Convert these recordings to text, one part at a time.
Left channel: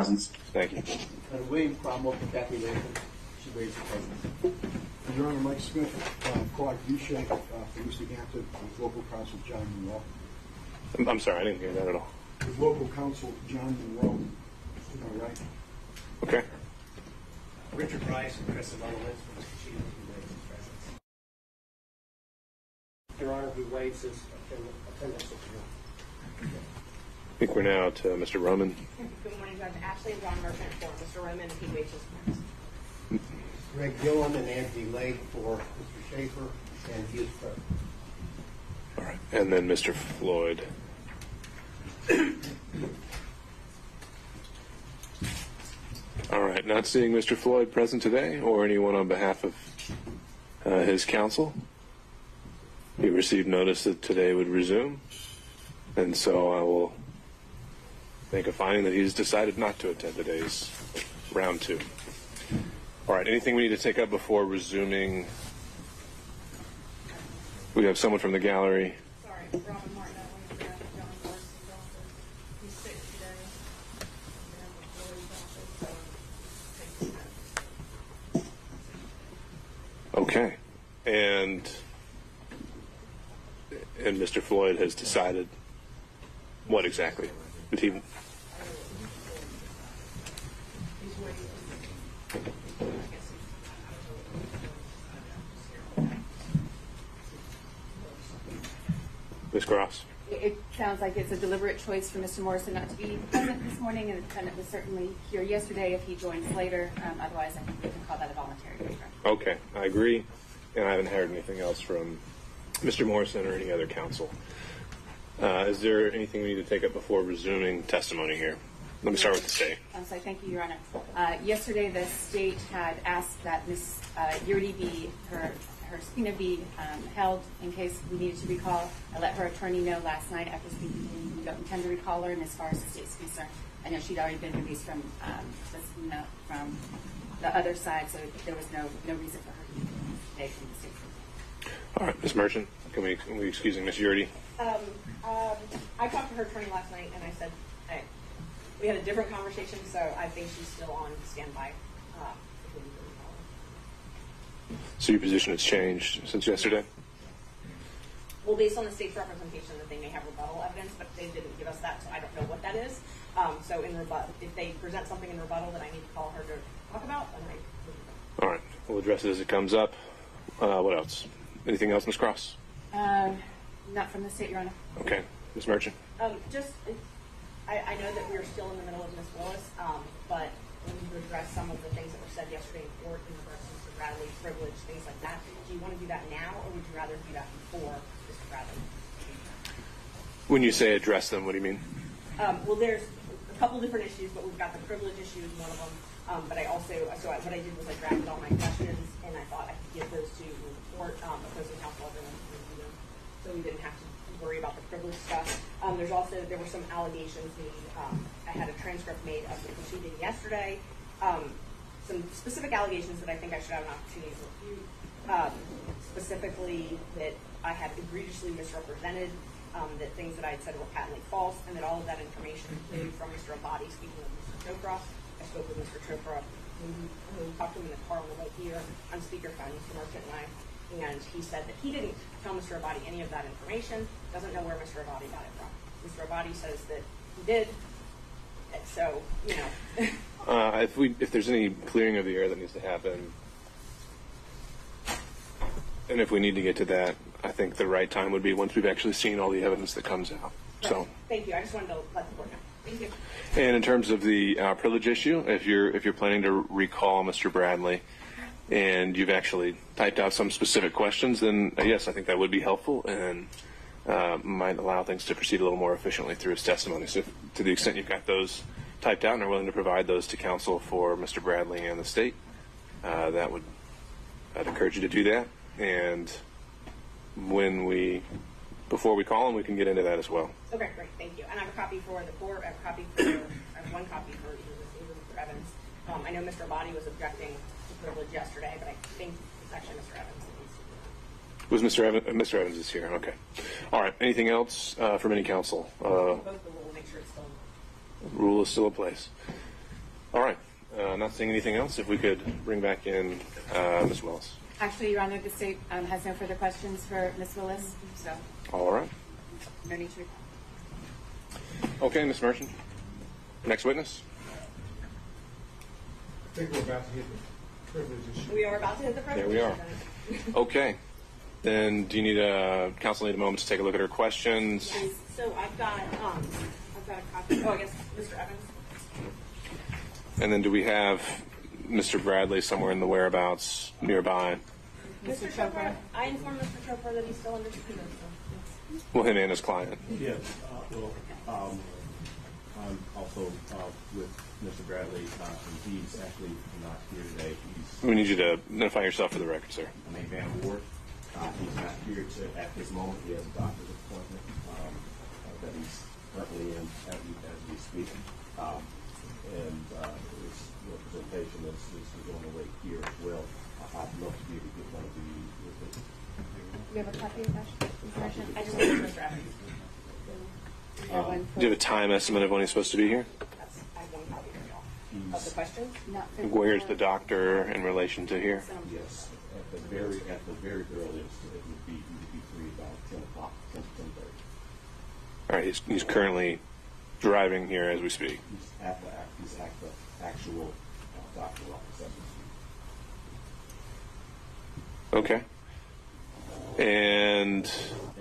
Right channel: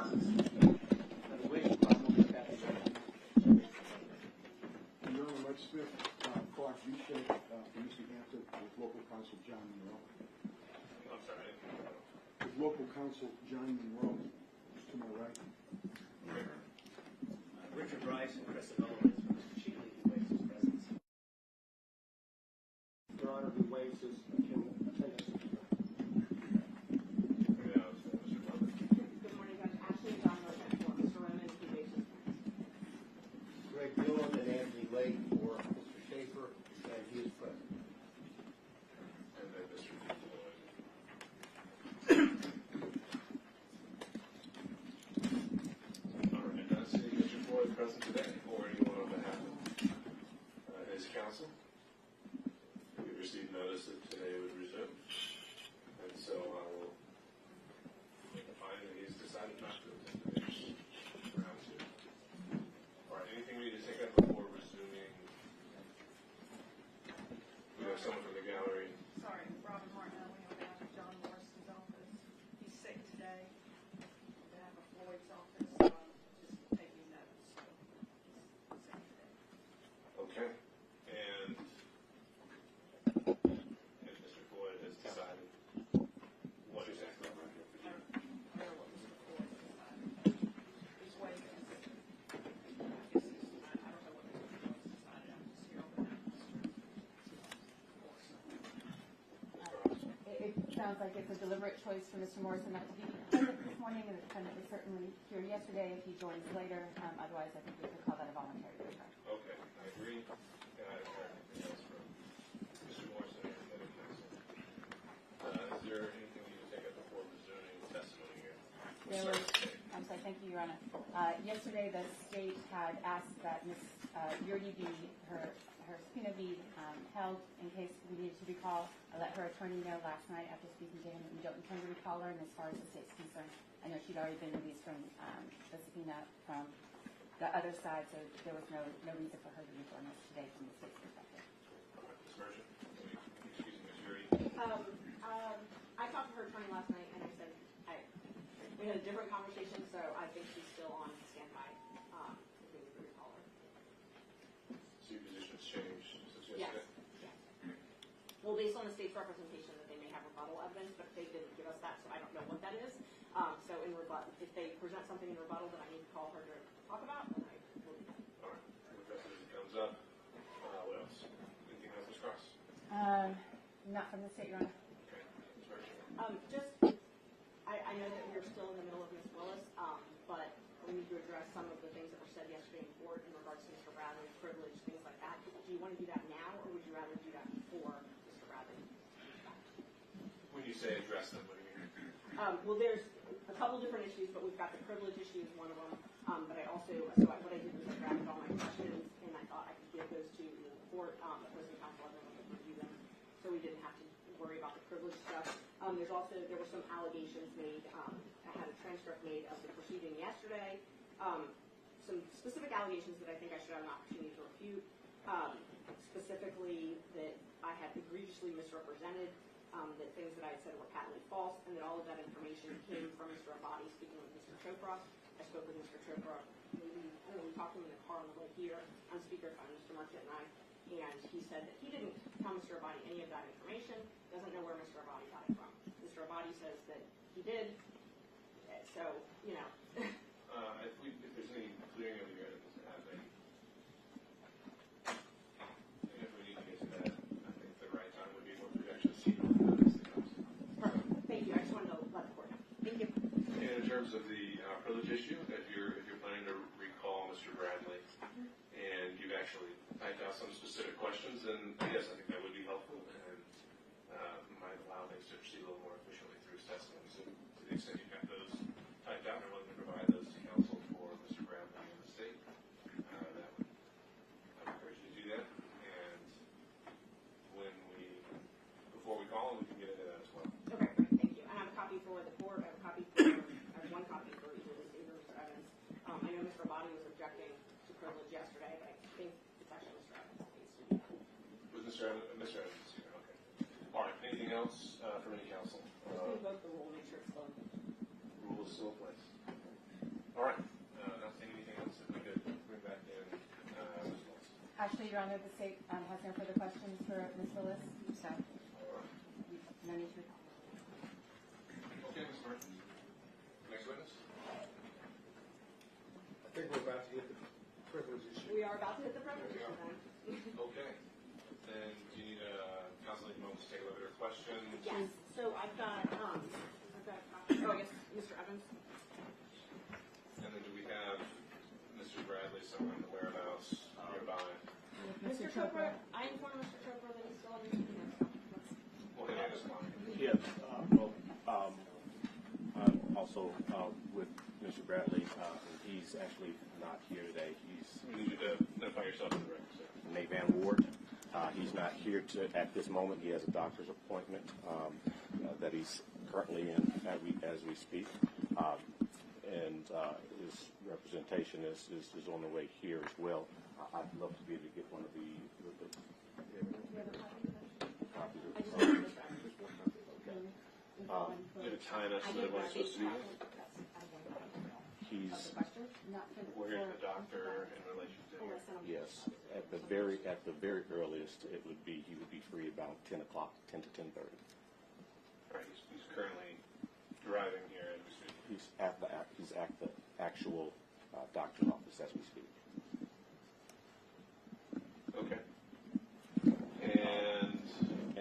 presence. Thank you. Wade, problem with that related. She waived the presence. Your Honor, Mike Smith, Quad V-Shape for Mr. Hampton with local counsel John Monroe. I'm sorry, I didn't hear that at all. With local counsel John Monroe, to my right. Okay. Richard Rice and Chris Sullivan for Mr. Cheatham, who waives his presence. Your Honor, who waives his attendance. I think we're now to Mr. Roman. Good morning, Judge. Ashley and John Merchant for Mr. Roman. He waives his presence. Greg Gillen and Anthony Lake for Mr. Schaefer, and he is present. All right. And then Mr. Floyd. All right. Not seeing Mr. Floyd present today or anyone on behalf of his counsel. He received notice that today would resume, and so I will make a finding that he's decided not to attend today's round 2. All right, anything we need to take up before resuming? We have someone from the gallery. Sorry, Robin Martin. I wanted to grab John Morrison's office. He's sick today. Okay, and Mr. Floyd has decided what exactly? Did he? Ms. Cross? It sounds like it's a deliberate choice for Mr. Morrison not to be present this morning, and the defendant was certainly here yesterday if he joins later. Otherwise, I think we can call that a voluntary waiver. Okay, I agree, and I haven't heard anything else from Mr. Morrison or any other counsel. Is there anything we need to take up before resuming testimony here? Let me start with the state. I'm sorry, thank you, Your Honor. Yesterday, the state had asked that Ms. Yurdi be, her subpoena be held in case we needed to recall. I let her attorney know last night after speaking to me we don't intend to recall her, and as far as the state's concerned, I know she'd already been released from the subpoena from the other side, so there was no reason for her to be today from the state's concerned. All right, Ms. Merchant, can we excusing Ms. Yurdi? I talked to her attorney last night, and I said we had a different conversation, so I think she's still on standby. If we need to recall her. So your position has changed since yesterday? Well, based on the state's representation that they may have rebuttal evidence, but they didn't give us that, so I don't know what that is. So in rebuttal, if they present something in rebuttal that I need to call her to talk about, then I will. All right, we'll address it as it comes up. What else? Anything else, Ms. Cross? Not from the state, Your Honor. Okay, Ms. Merchant. I know that we're still in the middle of Ms. Willis, but we need to address some of the things that were said yesterday in court in regards to Mr. Bradley's privilege, things like that. Do you want to do that now, or would you rather do that before Mr. Bradley? When you say address them, what do you mean? Well, there's a couple different issues, but we've got the privilege issue is one of them. But I also, what I did was I drafted all my questions, and I thought I could give those to the court, opposing counsel, everyone could review them, so we didn't have to worry about the privilege stuff. There were some allegations made. I had a transcript made of the proceeding yesterday. Some specific allegations that I think I should have an opportunity to refute. Specifically that I had egregiously misrepresented, that things that I had said were patently false, and that all of that information came from Mr. Abadi, speaking of Mr. Chopra. I spoke with Mr. Chopra. We talked to him in the car on the way here on speakerphone, Mr. Merchant and I. And he said that he didn't tell Mr. Abadi any of that information, doesn't know where Mr. Abadi got it from. Mr. Abadi says that he did, and so, you know. If there's any clearing of the air that needs to happen, and if we need to get to that, I think the right time would be once we've actually seen all the evidence that comes out. So. Thank you. I just wanted to let the court know. Thank you. And in terms of the privilege issue, if you're planning to recall Mr. Bradley, and you've actually typed out some specific questions, then yes, I think that would be helpful and might allow things to proceed a little more efficiently through his testimony. So to the extent you've got those typed out and are willing to provide those to counsel for Mr. Bradley and the state, I'd encourage you to do that. And before we call him, we can get into that as well. Okay, great. Thank you. And I have a copy for the court. I have one copy for even for Evans. I know Mr. Abadi was objecting to privilege yesterday, but I think it's actually Mr. Evans that needs to be. Was Mr. Evans? Mr. Evans is here. Okay. All right. Anything else from any counsel? Vote the rule. Make sure it's still in. Rule is still in place. All right. Not seeing anything else. If we could bring back in Ms. Willis. Actually, Your Honor, the state has no further questions for Ms. Willis, so All right. no need to. Okay, Ms. Merchant. Next witness. I think we're about to hit the privilege issue. We are about to hit the privilege. There we are. Okay. Then do you need counsel need a moment to take a look at her questions? Yes. So I've got a copy. Oh, I guess Mr. Evans. And then do we have Mr. Bradley somewhere in the whereabouts nearby? Mr. Chopra. I informed Mr. Chopra that he's still under subpoena. So Well, him and his client. Yes, I'm also with Mr. Bradley, and he's actually not here today. We need you to identify yourself for the record, sir. Name Van Ward. He's not here at this moment. He has a doctor's appointment that he's currently in as we speak. And his representation is on the way here as well. I'd love to be able to get one of you with it. Do you have a copy of that information? I just want Mr. Evans. Do you have a time estimate of when he's supposed to be here? I have one copy of the questions. Where's the doctor in relation to here? Yes, at the very earliest, it would be he would be free about 10 o'clock, 10 to 10:30. All right, he's currently driving here as we speak. He's at the actual doctor's office as we speak. Okay. And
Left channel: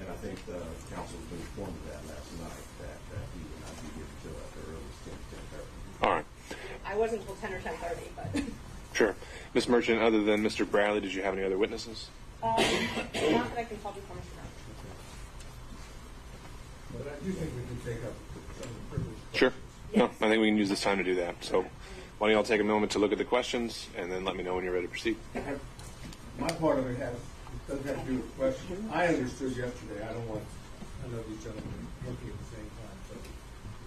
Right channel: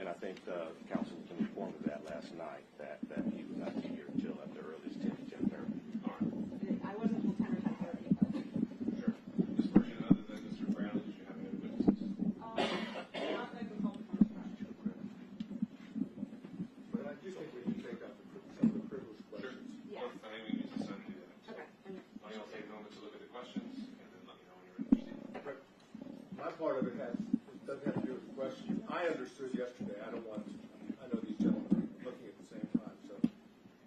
And I think the council was informed of that last night, that he would not be here until at the earliest 10:30. all right, I wasn't until 10 or 10:30, but sure. Ms. Merchant, other than Mr. Bradley, did you have any other witnesses? not that I can tell before Mr. Brown. But I do think we can take up some of the privilege. Sure. No, I think we can use this time to do that. So why don't y'all take a moment to look at the questions and then let me know when you're ready to proceed. My part of it doesn't have to do with the question. I understood yesterday. I know these gentlemen are looking at the same time, so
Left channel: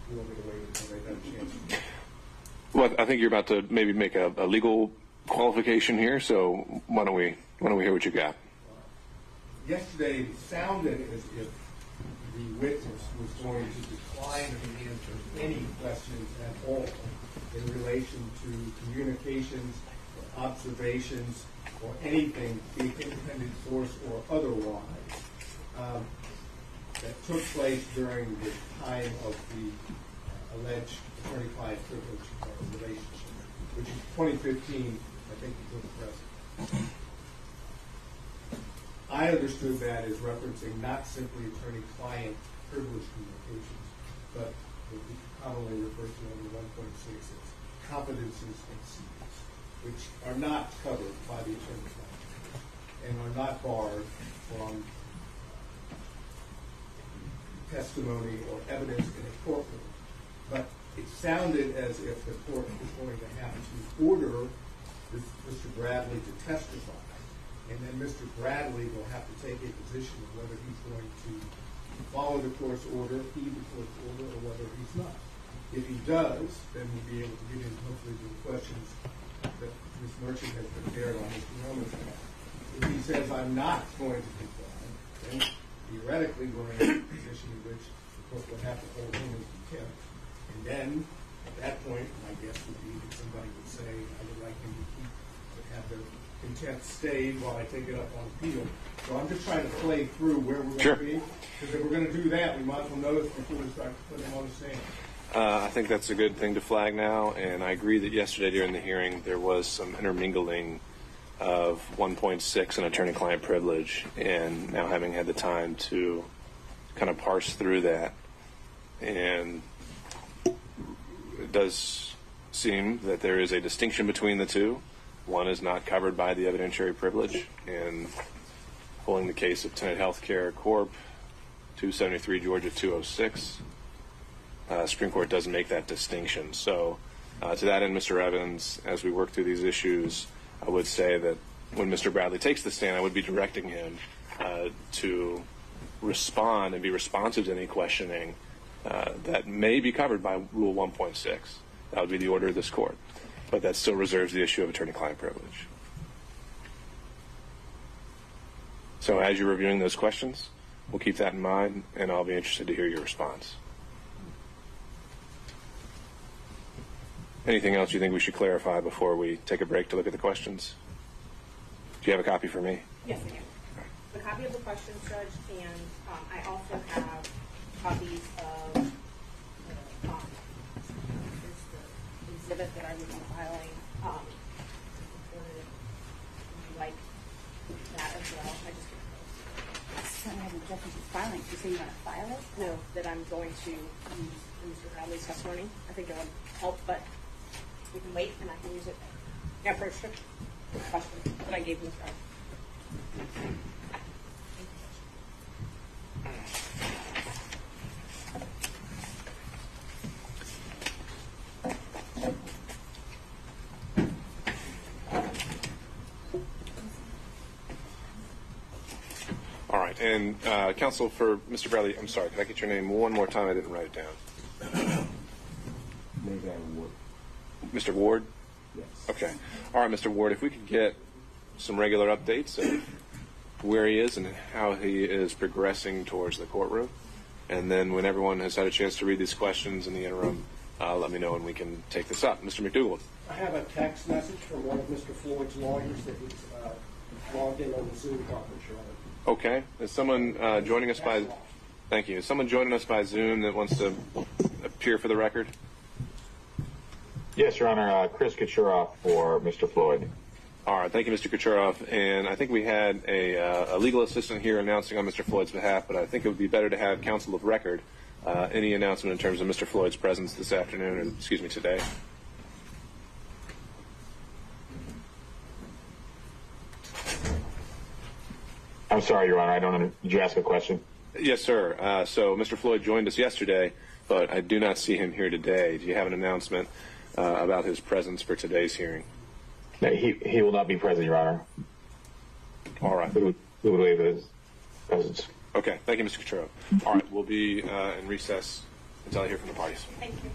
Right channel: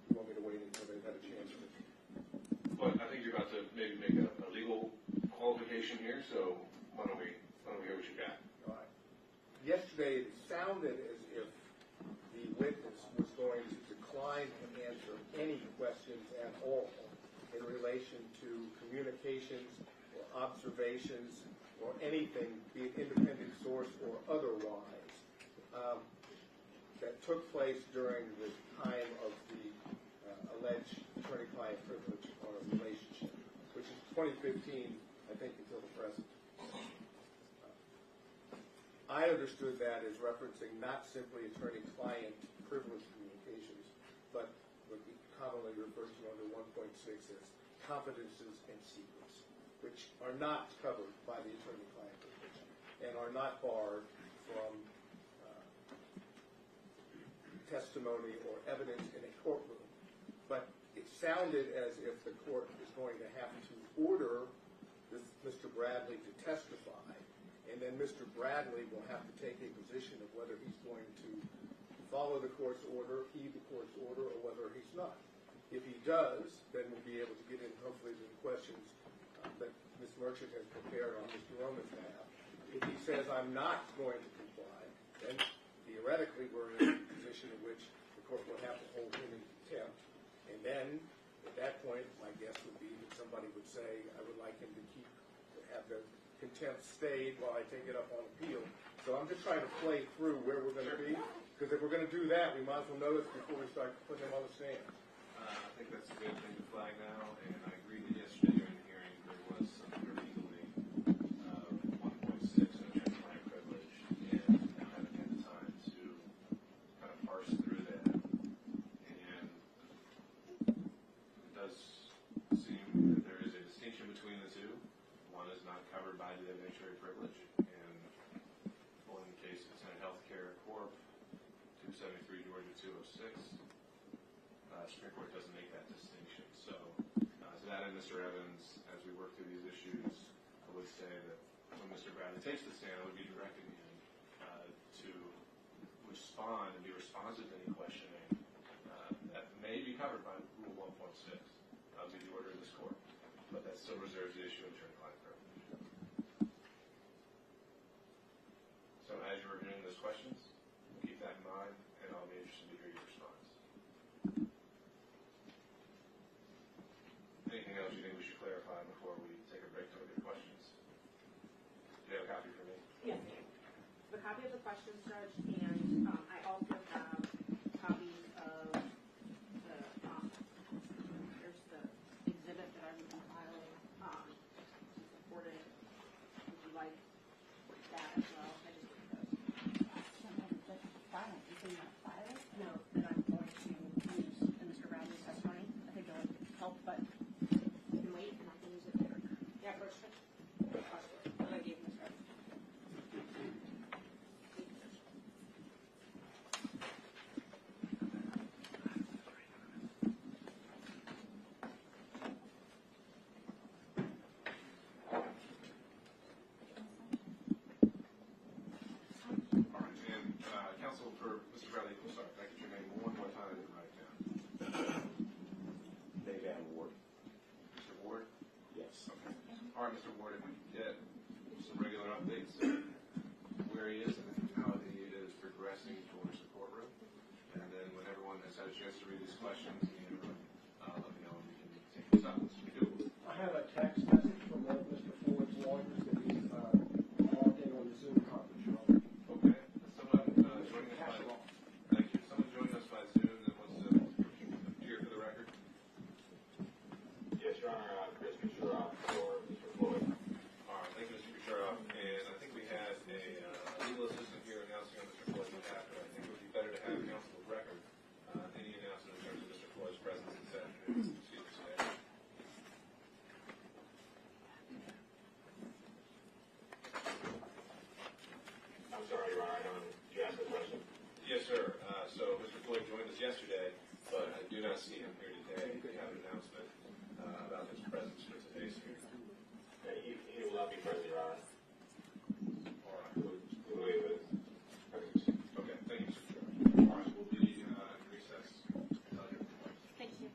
you want me to wait until they have a chance to. Well, I think you're about to maybe make a legal qualification here, so why don't we hear what you got? Yesterday, it sounded as if the witness was going to decline to answer any questions at all in relation to communications or observations or anything, be it independent source or otherwise, that took place during the time of the alleged attorney-client privilege relationship, which is 2015, I think, until the present. I understood that as referencing not simply attorney-client privilege communications, but what we commonly refer to under 1.6 as confidences and secrets, which are not covered by the attorney-client privilege and are not barred from testimony or evidence in a courtroom. But it sounded as if the court was going to have to order Mr. Bradley to testify, and then Mr. Bradley will have to take a position of whether he's going to follow the court's order, heed the court's order, or whether he's not. If he does, then we'll be able to get into hopefully the questions that Ms. Merchant has prepared on Mr. Roman's behalf. If he says, I'm not going to comply, then theoretically we're in a position in which the court will have to hold him in contempt. And then, at that point, my guess would be that somebody would say, I would like him to have the contempt stayed while I take it up on appeal. So I'm just trying to play through where we're going to be. Because if we're going to do that, we might as well know this before we start putting him on the stand. I think that's a good thing to flag now, and I agree that yesterday during the hearing there was some intermingling of 1.6 and attorney-client privilege, and now having had the time to kind of parse through that, and it does seem that there is a distinction between the two. One is not covered by the evidentiary privilege, and pulling the case of Tenet Healthcare Corp., 273 Georgia 206. Supreme Court doesn't make that distinction. So to that end, Mr. Evans, as we work through these issues, I would say that when Mr. Bradley takes the stand, I would be directing him to respond and be responsive to any questioning that may be covered by Rule 1.6. That would be the order of this court. But that still reserves the issue of attorney-client privilege. So as you're reviewing those questions, we'll keep that in mind, and I'll be interested to hear your response. Anything else you think we should clarify before we take a break to look at the questions? Do you have a copy for me? Yes, I do. A copy of the questions, Judge, and I also have copies of the exhibit that I was filing. Reported. Would you like that as well? I just Filing. You say you want to file it? no, that I'm going to use in Mr. Bradley's testimony. I think it will help, but you can wait and I can use it. Yeah, for sure. Question that I gave Mr. Bradley. All right, and counsel for Mr. Bradley, I'm sorry, could I get your name one more time? I didn't write it down. Maybe I would. Mr. Ward? Yes. Okay. All right, Mr. Ward, if we could get some regular updates of where he is and how he is progressing towards the courtroom. And then when everyone has had a chance to read these questions in the interim, let me know and we can take this up. Mr. McDougall. I have a text message from one of Mr. Floyd's lawyers that he's logged in on the Zoom conference room. Okay. Is someone joining us by... Thank you. Is someone joining us by Zoom that wants to appear for the record? Yes, Your Honor. Chris Kachuroff for Mr. Floyd. All right. Thank you, Mr. Kachuroff. And I think we had a legal assistant here announcing on Mr. Floyd's behalf, but I think it would be better to have counsel of record any announcement in terms of Mr. Floyd's presence this afternoon, or excuse me, today. I'm sorry, Your Honor. I don't. Did you ask a question? Yes, sir. So Mr. Floyd joined us yesterday, but I do not see him here today. Do you have an announcement about his presence for today's hearing? No, he will not be present, Your Honor. All right. We would waive his presence. Okay. Thank you, Mr. Coturo. All right. We'll be in recess until I hear from the parties. Thank you.